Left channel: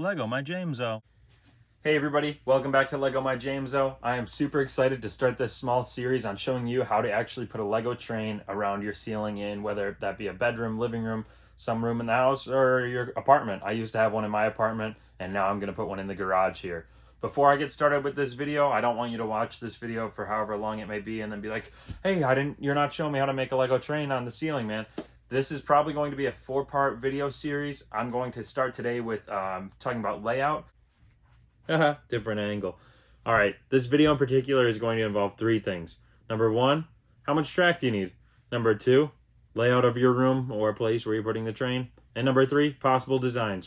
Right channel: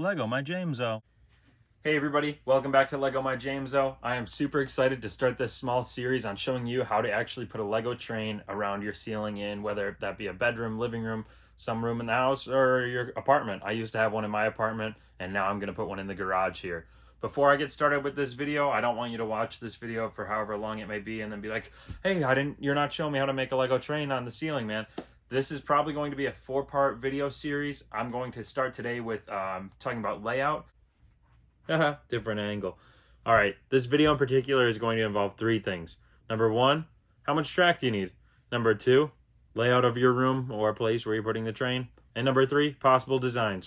Lego My Jameso. Hey everybody, welcome back to Lego My Jameso. I am super excited to start this small series on showing you how to actually put a Lego train around your ceiling in, whether that be a bedroom, living room, some room in the house, or your apartment. I used to have one in my apartment, and now I'm going to put one in the garage here. Before I get started with this video, I don't want you to watch this video for however long it may be and then be like, hey, you're not showing me how to make a Lego train on the ceiling, man. This is probably going to be a 4-part video series. I'm going to start today with talking about layout. Different angle. All right, this video in particular is going to involve 3 things. Number 1, how much track do you need? Number 2, layout of your room or place where you're putting the train. And number 3, possible designs.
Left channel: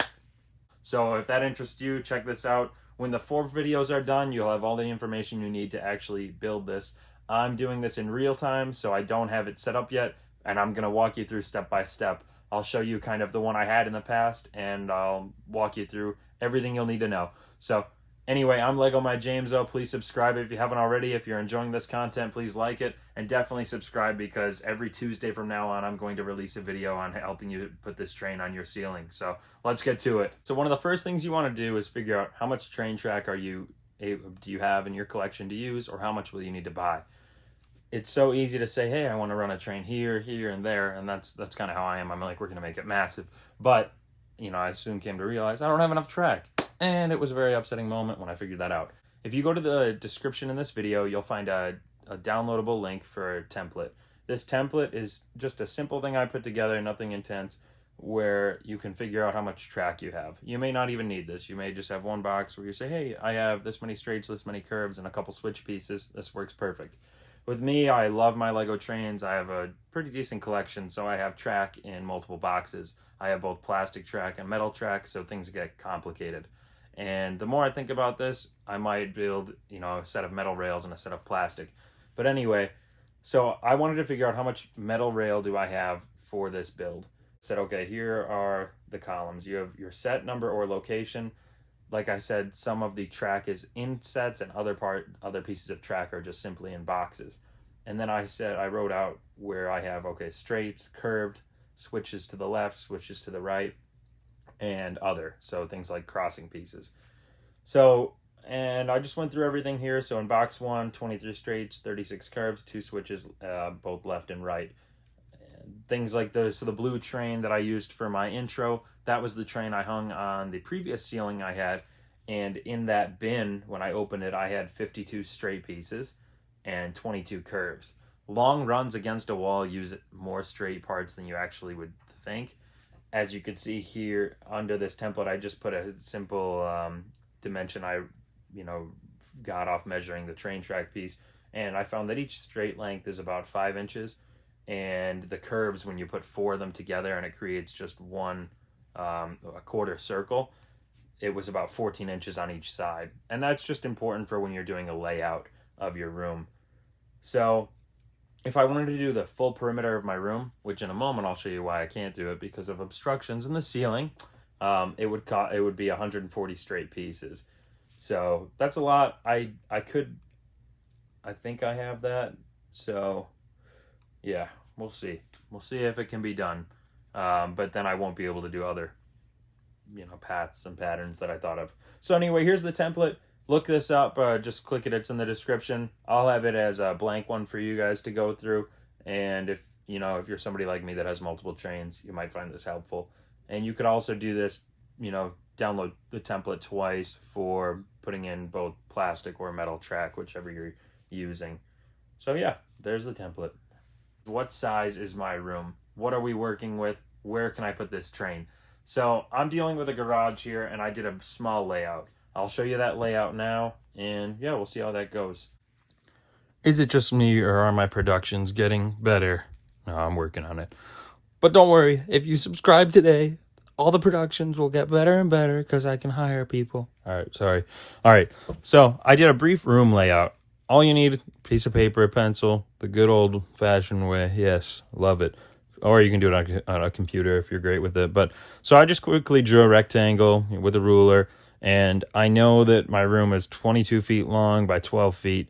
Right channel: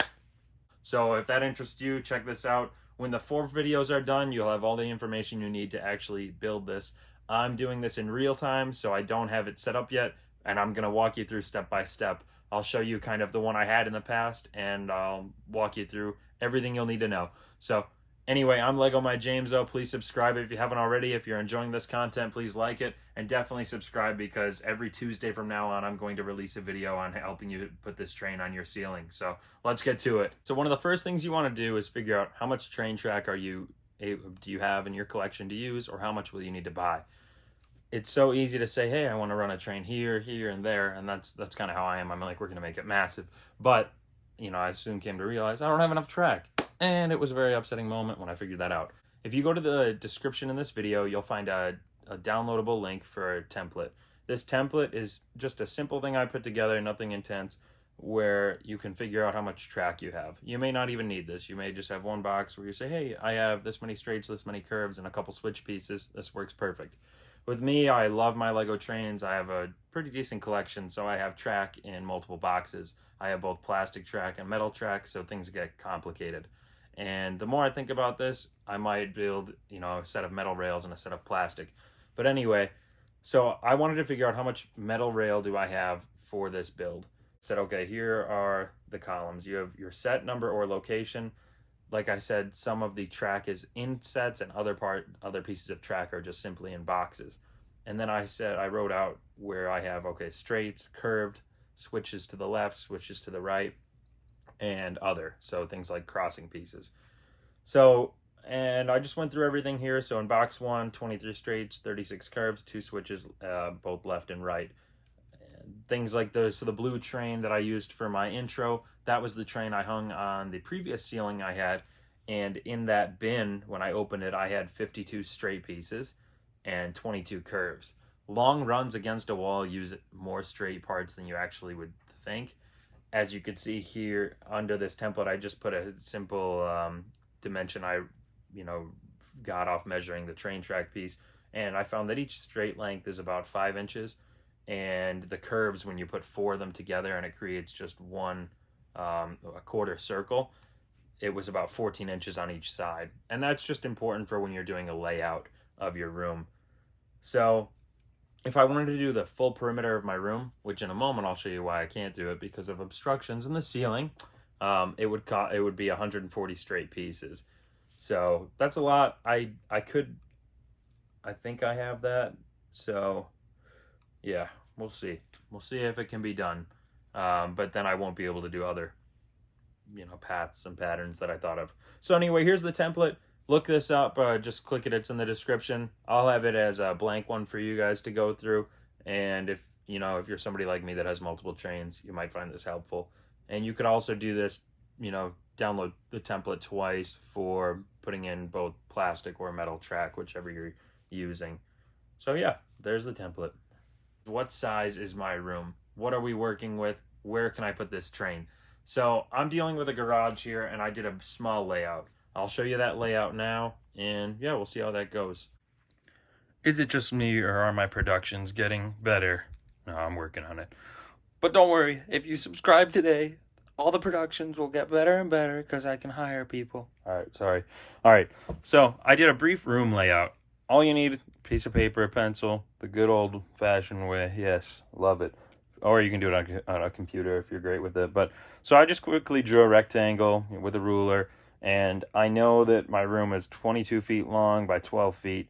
So if that interests you, check this out. When the 4 videos are done, you'll have all the information you need to actually build this. I'm doing this in real time, so I don't have it set up yet, and I'm going to walk you through step by step. I'll show you kind of the one I had in the past, and I'll walk you through everything you'll need to know. So anyway, I'm Lego My Jameso. Please subscribe if you haven't already. If you're enjoying this content, please like it, and definitely subscribe because every Tuesday from now on, I'm going to release a video on helping you put this train on your ceiling. So let's get to it. So one of the first things you want to do is figure out how much train track do you have in your collection to use, or how much will you need to buy. It's so easy to say, hey, I want to run a train here, here, and there, and that's kind of how I am. I'm like, we're going to make it massive. But, you know, I soon came to realize I don't have enough track. And it was a very upsetting moment when I figured that out. If you go to the description in this video, you'll find a downloadable link for a template. This template is just a simple thing I put together, nothing intense, where you can figure out how much track you have. You may not even need this. You may just have one box where you say, hey, I have this many straights, this many curves, and a couple switch pieces. This works perfect. With me, I love my Lego trains. I have a pretty decent collection, so I have track in multiple boxes. I have both plastic track and metal track, so things get complicated. And the more I think about this, I might build, a set of metal rails and a set of plastic. But anyway, so I wanted to figure out how much metal rail do I have for this build. Said, okay, here are the columns. You have your set number or location. Like I said, some of the track is in sets and other pieces of track are just simply in boxes. And then I wrote out where I have, okay, straights, curved, switches to the left, switches to the right, and other. So things like crossing pieces. So, and I just went through everything here. So in box 1, 23 straights, 36 curves, 2 switches, both left and right. Things like this. So the blue train that I used for my intro, that was the train I hung on the previous ceiling I had. And in that bin, when I opened it, I had 52 straight pieces and 22 curves. Long runs against a wall use more straight parts than you actually would think. As you can see here under this template, I just put a simple dimension I got off measuring the train track piece. And I found that each straight length is about 5 inches. And the curves, when you put 4 of them together and it creates just one a quarter circle, it was about 14 inches on each side. And that's just important for when you're doing a layout of your room. So if I wanted to do the full perimeter of my room, which in a moment I'll show you why I can't do it because of obstructions in the ceiling, it would be 140 straight pieces. So that's a lot. I think I have that. So yeah, we'll see. We'll see if it can be done. But then I won't be able to do other, paths and patterns that I thought of. So anyway, here's the template. Look this up. Just click it. It's in the description. I'll have it as a blank one for you guys to go through. And if you're somebody like me that has multiple trains, you might find this helpful. And you could also do this, download the template twice for putting in both plastic or metal track, whichever you're using. So yeah, there's the template. What size is my room? What are we working with? Where can I put this train? So I'm dealing with a garage here, and I did a small layout. I'll show you that layout now, and yeah, we'll see how that goes. Is it just me, or are my productions getting better? No, I'm working on it. But don't worry, if you subscribe today, all the productions will get better and better because I can hire people. All right, sorry. All right, so I did a brief room layout. All you need, a piece of paper, a pencil, the good old-fashioned way. Yes, love it. Or you can do it on a computer if you're great with it. But so I just quickly drew a rectangle with a ruler, and I know that my room is 22 feet long by 12 feet.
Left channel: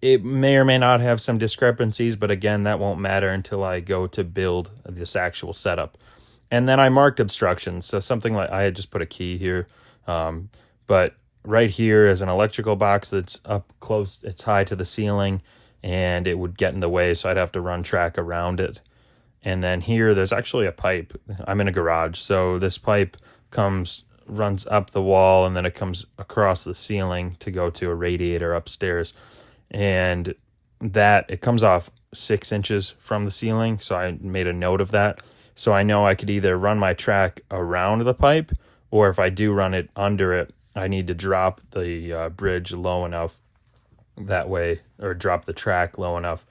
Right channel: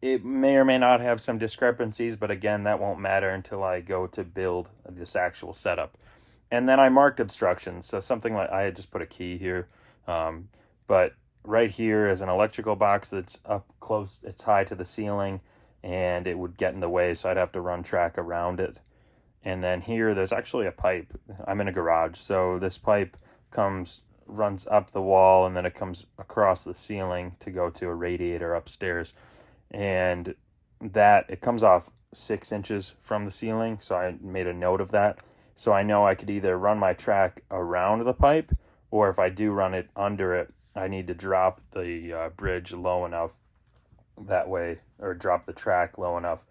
It may or may not have some discrepancies, but again, that won't matter until I go to build this actual setup. And then I marked obstructions. So something like, I had just put a key here But right here is an electrical box that's up close, it's high to the ceiling, and it would get in the way, so I'd have to run track around it. And then here there's actually a pipe. I'm in a garage, so this pipe runs up the wall, and then it comes across the ceiling to go to a radiator upstairs. And that it comes off 6 inches from the ceiling, so I made a note of that. So I know I could either run my track around the pipe, or if I do run it under it, I need to drop the bridge low enough that way, or drop the track low enough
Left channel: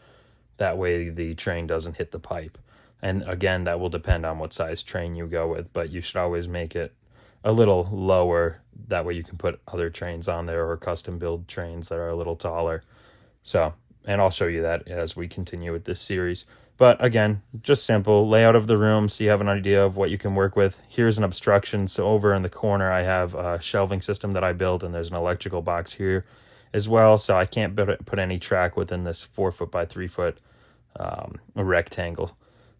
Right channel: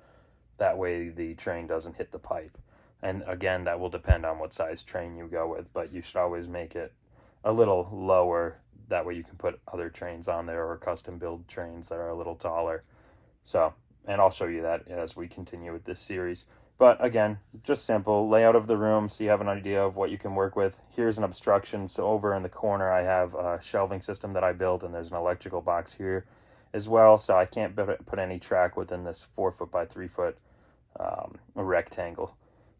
that way the train doesn't hit the pipe. And again, that will depend on what size train you go with, but you should always make it a little lower. That way you can put other trains on there, or custom build trains that are a little taller. So, and I'll show you that as we continue with this series. But again, just simple layout of the room so you have an idea of what you can work with. Here's an obstruction. So over in the corner, I have a shelving system that I built, and there's an electrical box here as well. So I can't put any track within this 4 foot by 3 foot rectangle.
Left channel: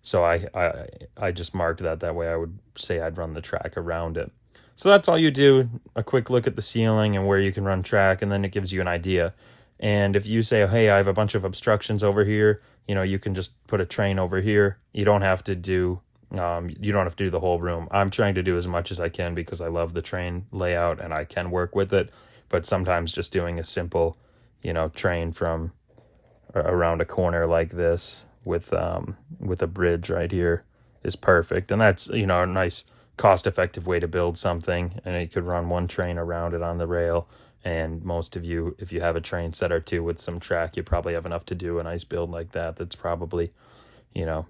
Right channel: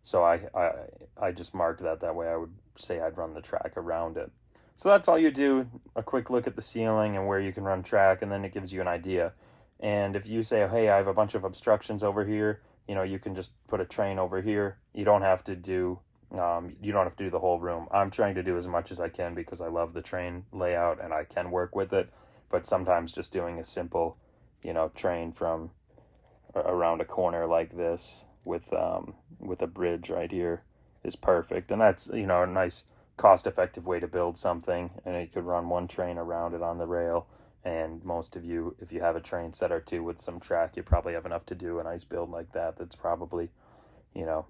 So I just marked that way I would say I'd run the track around it. So that's all you do, a quick look at the ceiling and where you can run track, and then it gives you an idea. And if you say, hey, I have a bunch of obstructions over here, you know, you can just put a train over here. You don't have to do the whole room. I'm trying to do as much as I can because I love the train layout and I can work with it. But sometimes just doing a simple, you know, train from around a corner like this with a bridge right here is perfect. And that's, you know, a nice cost-effective way to build something. And you could run one train around it on the rail. And most of you, if you have a train set or two with some track, you probably have enough to do a nice build like that. That's probably, you know,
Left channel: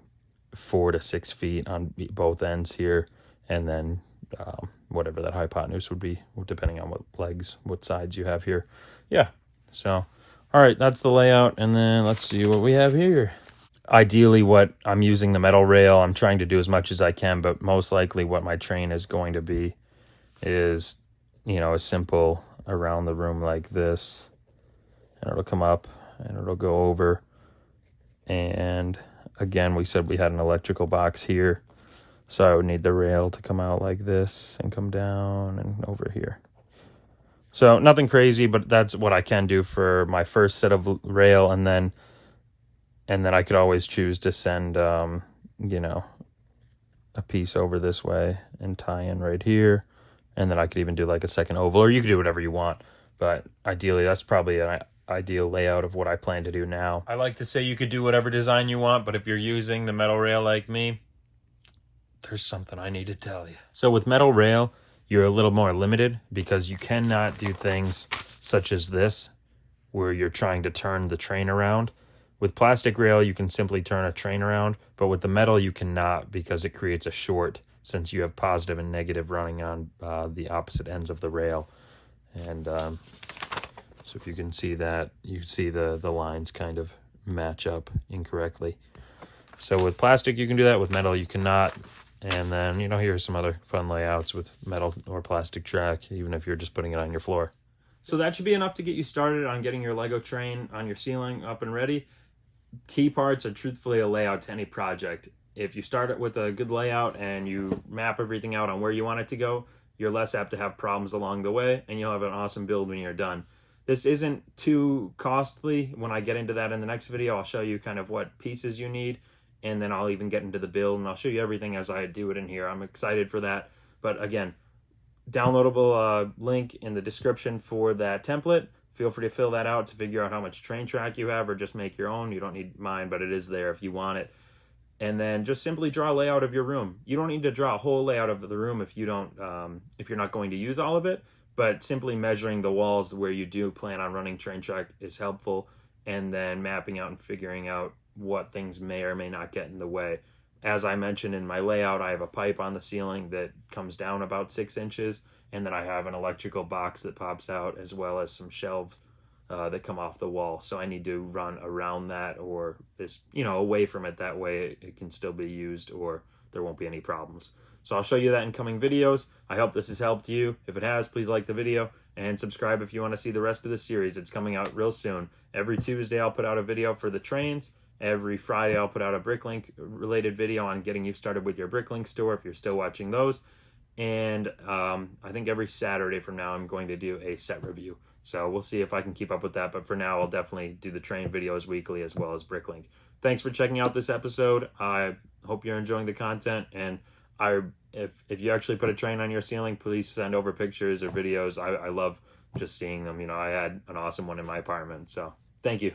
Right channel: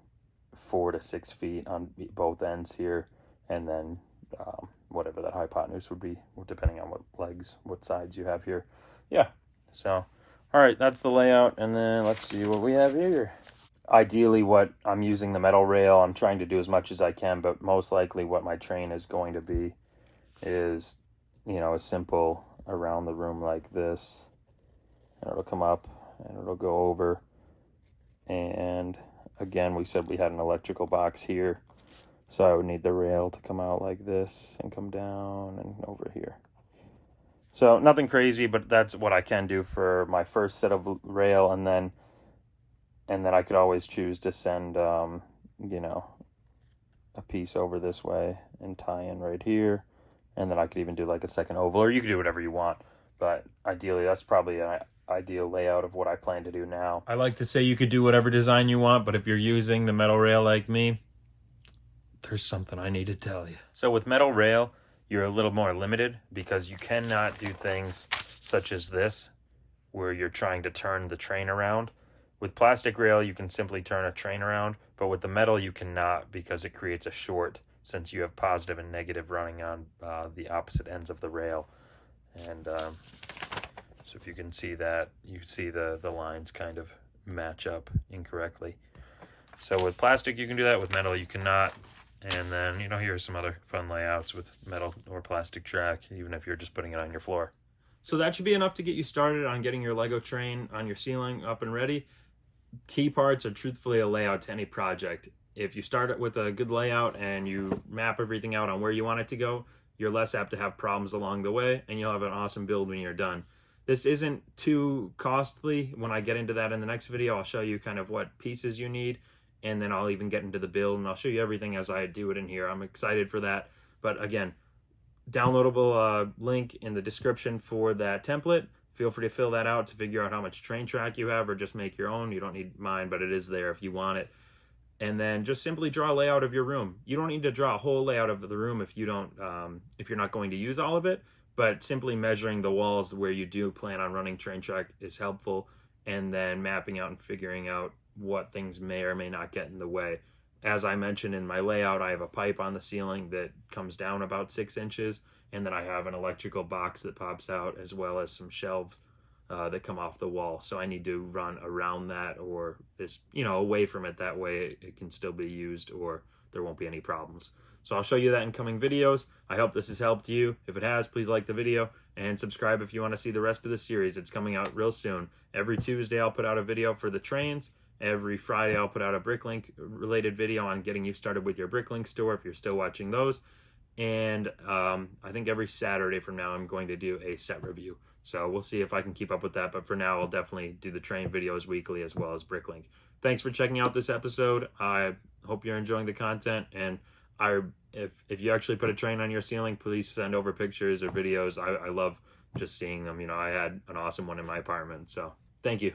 4 to 6 feet on both ends here, and then whatever that hypotenuse would be, depending on what sides you have here. Yeah. So, all right, that's the layout, and then let's see what we have here. Ideally, what I'm using the metal rail, I'm trying to do as much as I can, but most likely what my train is going to be is, you know, a simple around the room like this, and it'll come up and it'll go over. And again, we said we had an electrical box here, so I would need the rail to come out like this and come down and over here. So nothing crazy, but that's what I can do for my first set of rail. And then I could always choose to send you know, a piece over this way and tie in right here. And then I could even do like a second oval, or you could do whatever you want. But ideally, that's probably an ideal layout of what I plan to do now. I like to say you could do whatever design you want, but if you're using the metal rail like me, there's something I need to tell you. So with metal rail, you're a little more limited because you cannot do things such as this, where you're trying to turn the train around. With plastic rail, you can simply turn a train around, but with the metal, you cannot, because it creates a short, since you have positive and negative running on the opposite ends of the rail. And so if you can see that, you see the lines kind of match up incorrectly. So with plastic, you can do that. With metal, you cannot. And then, you know, here's some other fun layouts with metal or plastic track, even if you're just putting it on your floor. So that should be enough to get you started on getting your Lego train on your ceiling up and ready. Key parts are truthfully a layout to any project. If you start it with a good layout and you map everything out on where you want it to go, you're less apt to have problems along the way, and you'll have an awesome build when you're done. This isn't too costly. When I get into that in the next video, I'll show you kind of what pieces you need, and then I'll even get into the build, and I'll show you everything as I do it in here. I'm excited for that. But again, downloadable link in the description for that template. Feel free to fill that out to figure out how much train track you have, or just make your own. You don't need mine, but it is there if you want it. And then just simply draw a layout of your room. You don't need to draw a whole layout of the room if you don't, if you're not going to use all of it. But simply measuring the walls where you do plan on running train track is helpful, and then mapping out and figuring out what things may or may not get in the way. As I mentioned in my layout, I have a pipe on the ceiling that comes down about 6 inches, and then I have an electrical box that pops out, as well as some shelves that come off the wall. So I need to run around that, or just, you know, away from it. That way it can still be used, or there won't be any problems. So I'll show you that in coming videos. I hope this has helped you. If it has, please like the video and subscribe if you want to see the rest of the series. It's coming out real soon. Every Tuesday I'll put out a video for the trains. Every Friday I'll put out a Bricklink related video on getting you started with your Bricklink store if you're still watching those. And I think every Saturday from now I'm going to do a set review. So we'll see if I can keep up with that. But for now, I'll definitely do the train videos weekly as well as Bricklink. Thanks for checking out this episode. I hope you're enjoying the content. And if you actually put a train on your ceiling, please send over pictures or videos. I love just seeing them. You know, I had an awesome one in my apartment. So thank you.